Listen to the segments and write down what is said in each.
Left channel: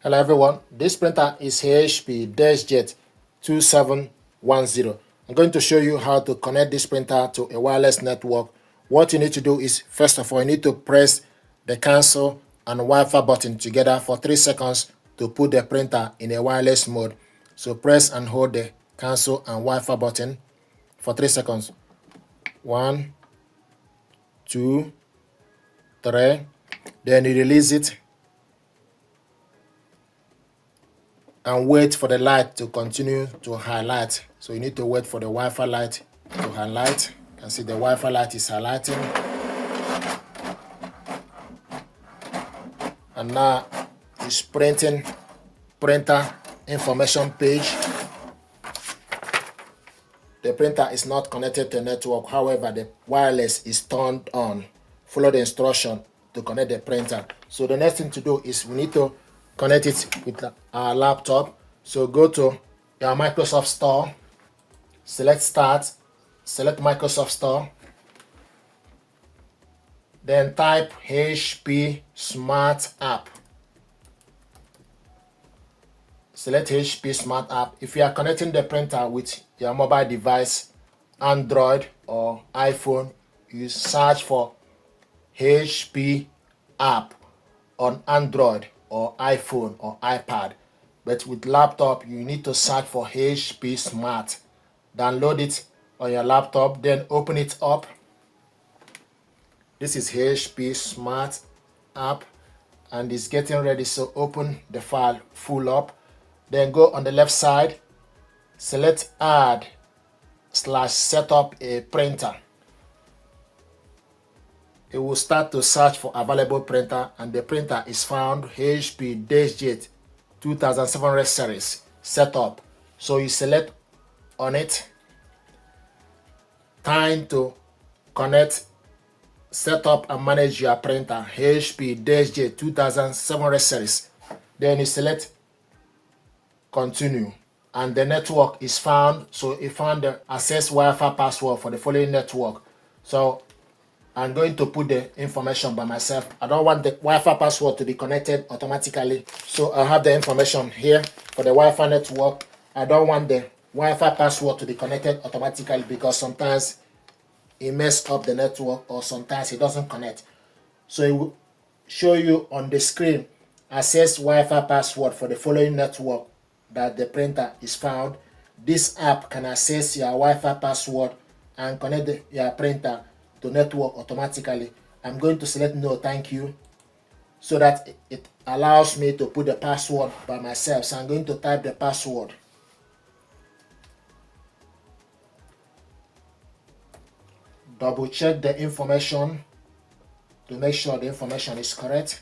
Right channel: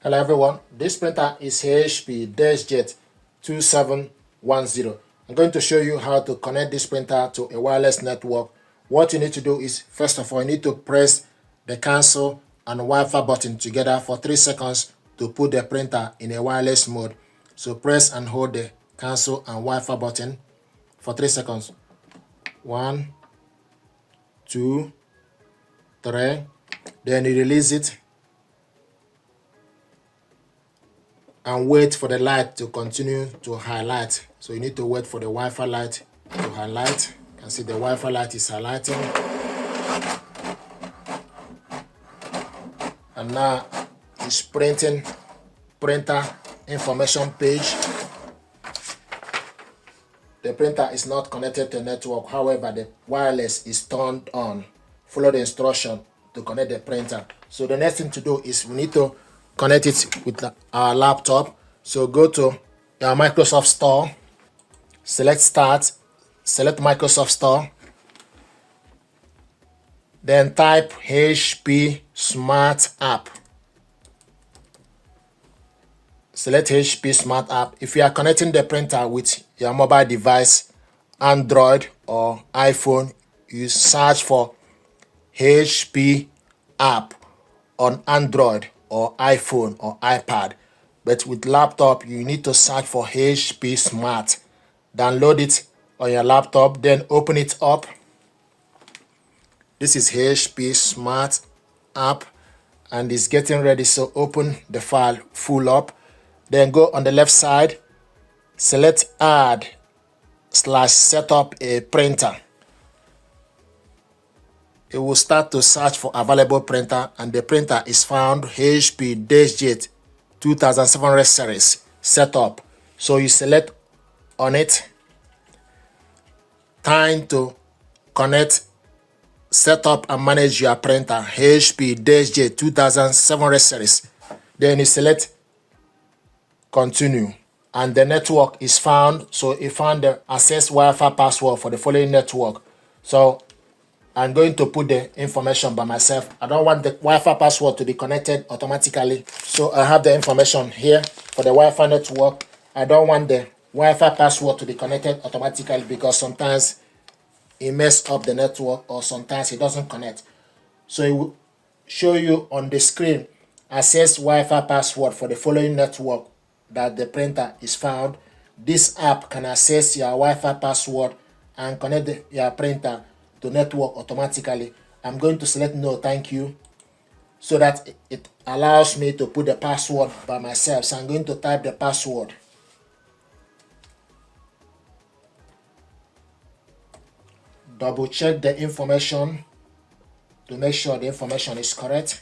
Hello everyone, this printer is HP Deskjet 2710. I'm going to show you how to connect this printer to a wireless network. What you need to do is, first of all, you need to press the cancel and Wi-Fi button together for 3 seconds to put the printer in a wireless mode. So press and hold the cancel and Wi-Fi button for 3 seconds. 1, 2, 3. Then you release it and wait for the light to continue to highlight. So you need to wait for the Wi-Fi light to highlight. You can see the Wi-Fi light is highlighting. And now it's printing printer information page. The printer is not connected to the network. However, the wireless is turned on. Follow the instruction to connect the printer. So the next thing to do is we need to connect it with our laptop. So go to our Microsoft Store, select Start, select Microsoft Store, then type HP Smart App. Select HP Smart App. If you are connecting the printer with your mobile device, Android or iPhone, you search for HP app on Android or iPhone or iPad. But with laptop, you need to search for HP Smart. Download it on your laptop, then open it up. This is HP Smart app and it's getting ready. So open the file full up. Then go on the left side, select add/setup a printer. It will start to search for available printer, and the printer is found HP Deskjet 2700 series setup. So you select on it, time to connect, set up and manage your printer HP Deskjet 2700 series. Then you select continue, and the network is found. So it found the access Wi-Fi password for the following network. So I'm going to put the information by myself. I don't want the Wi-Fi password to be connected automatically. So I have the information here for the Wi-Fi network. I don't want the Wi-Fi password to be connected automatically because sometimes it messes up the network or sometimes it doesn't connect. So it will show you on the screen access Wi-Fi password for the following network that the printer is found. This app can access your Wi-Fi password and connect your printer to network automatically. I'm going to select no thank you so that it allows me to put the password by myself. So I'm going to type the password. Double check the information to make sure the information is correct.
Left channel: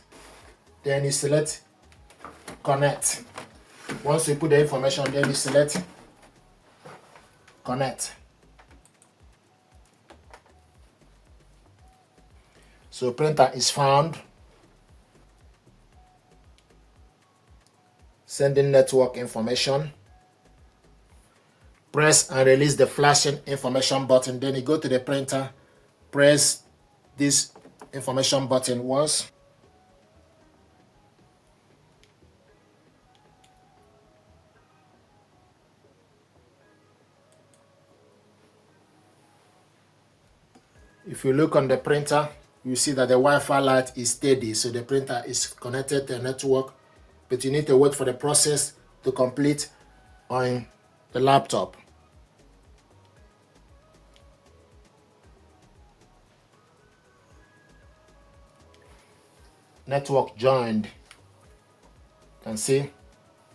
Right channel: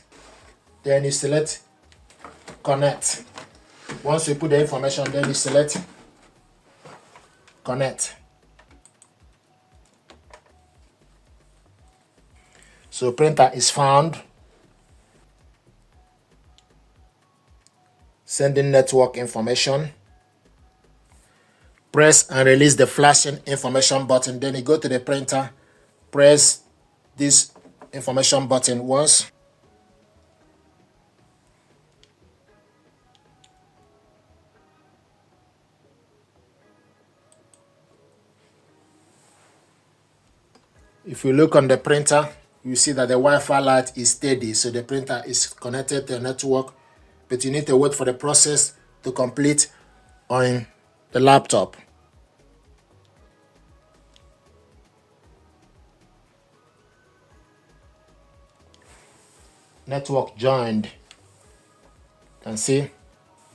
Then you select connect. Once you put the information, then you select connect. So printer is found. Sending network information. Press and release the flashing information button. Then you go to the printer, press this information button once. If you look on the printer, you see that the Wi-Fi light is steady, so the printer is connected to the network, but you need to wait for the process to complete on the laptop. Network joined. You can see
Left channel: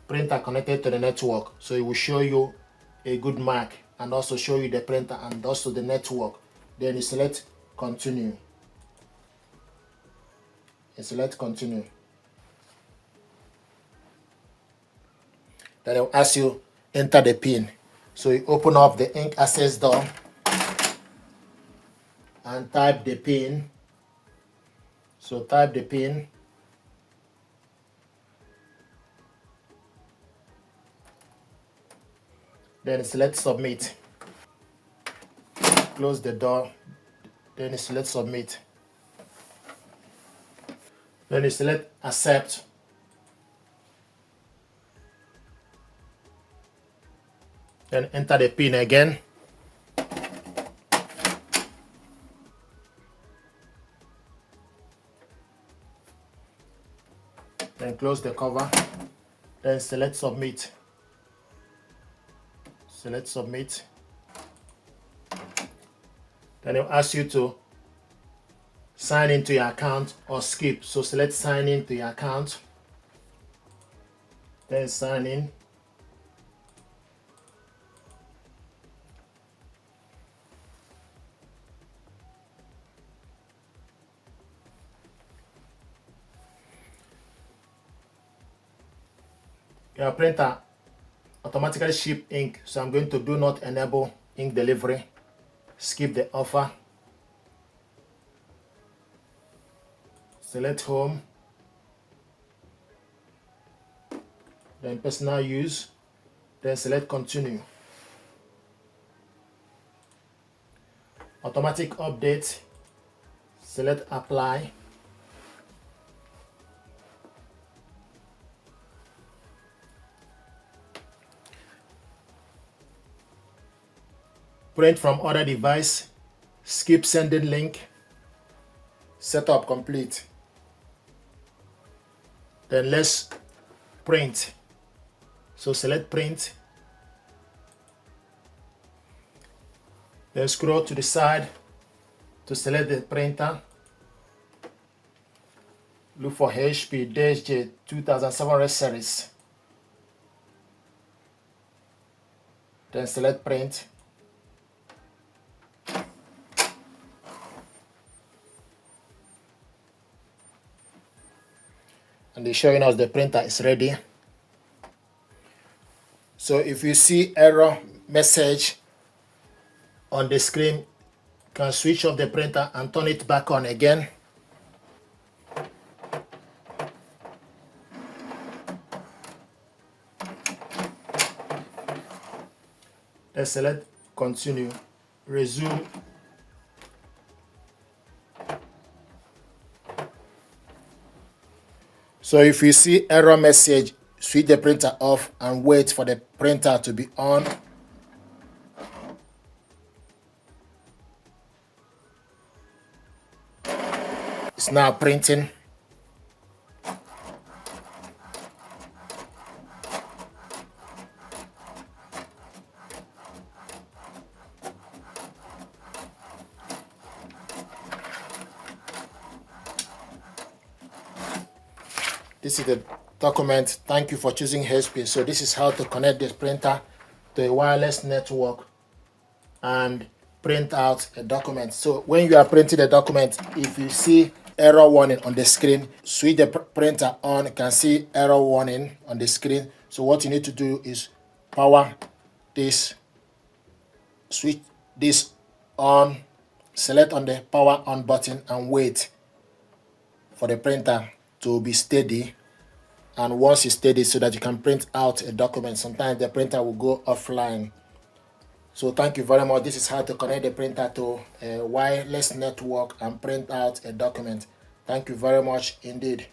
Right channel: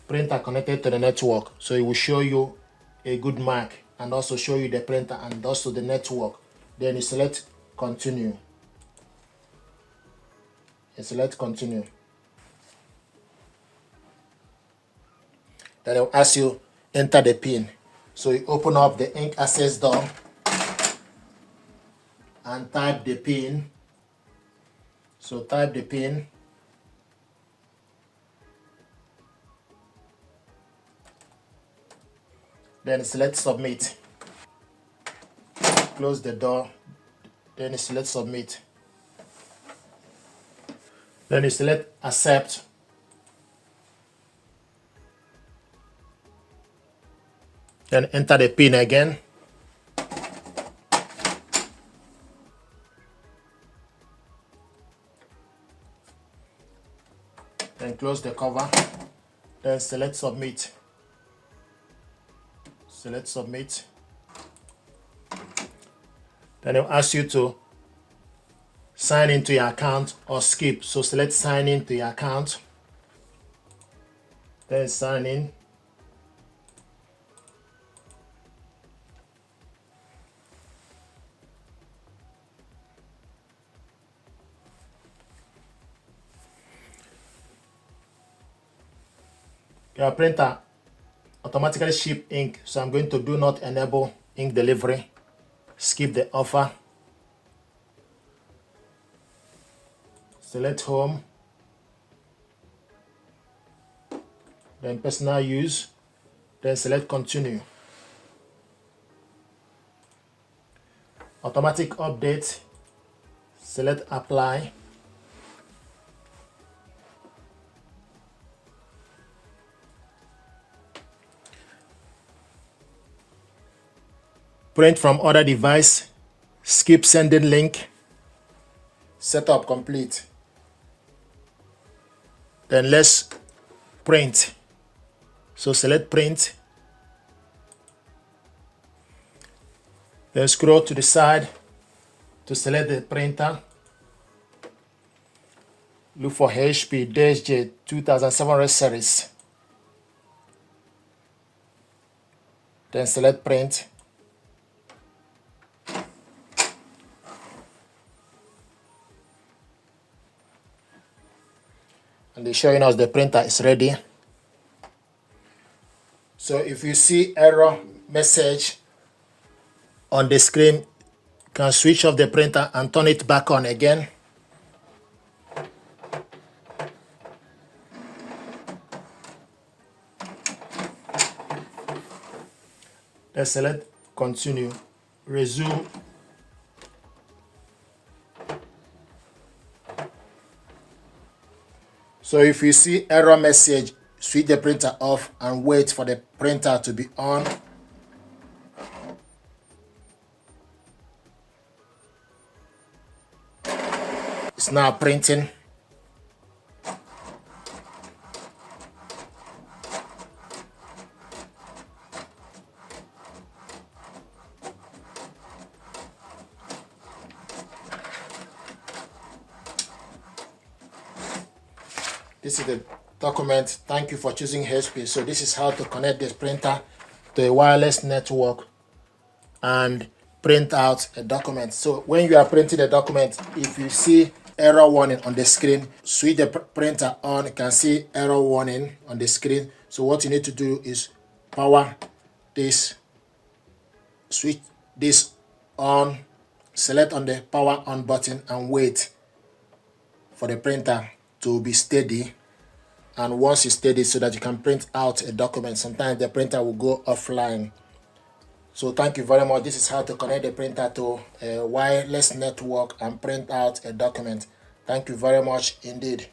printer connected to the network, so it will show you a good mark and also show you the printer and also the network. Then you select continue. You select continue. Then it will ask you enter the pin. So you open up the ink access door and type the pin. So type the pin. Then select submit. Close the door. Then select submit. Then you select accept. Then enter the pin again. Then close the cover. Then select submit. Select submit. Then it will ask you to sign into your account or skip. So select sign into your account. Then sign in. Your printer automatically ship ink, so I'm going to do not enable ink delivery. Skip the offer. Select home. Then personal use. Then select continue. Automatic update. Select apply. Print from other device. Skip sending link. Setup complete. Then let's print. So select print. Then scroll to the side to select the printer. Look for HP Deskjet 2700 series. Then select print. And they're showing us the printer is ready. So if you see error message on the screen, you can switch off the printer and turn it back on again. Then select continue, resume. So if you see error message, switch the printer off and wait for the printer to be on. It's now printing. This is the document. Thank you for choosing HP. So this is how to connect this printer to a wireless network and print out a document. So when you are printing a document, if you see error warning on the screen, switch the printer on. You can see error warning on the screen. So what you need to do is power this, switch this on, select on the power on button and wait for the printer to be steady. And once it's steady, so that you can print out a document. Sometimes the printer will go offline. So thank you very much. This is how to connect the printer to a wireless network and print out a document. Thank you very much indeed.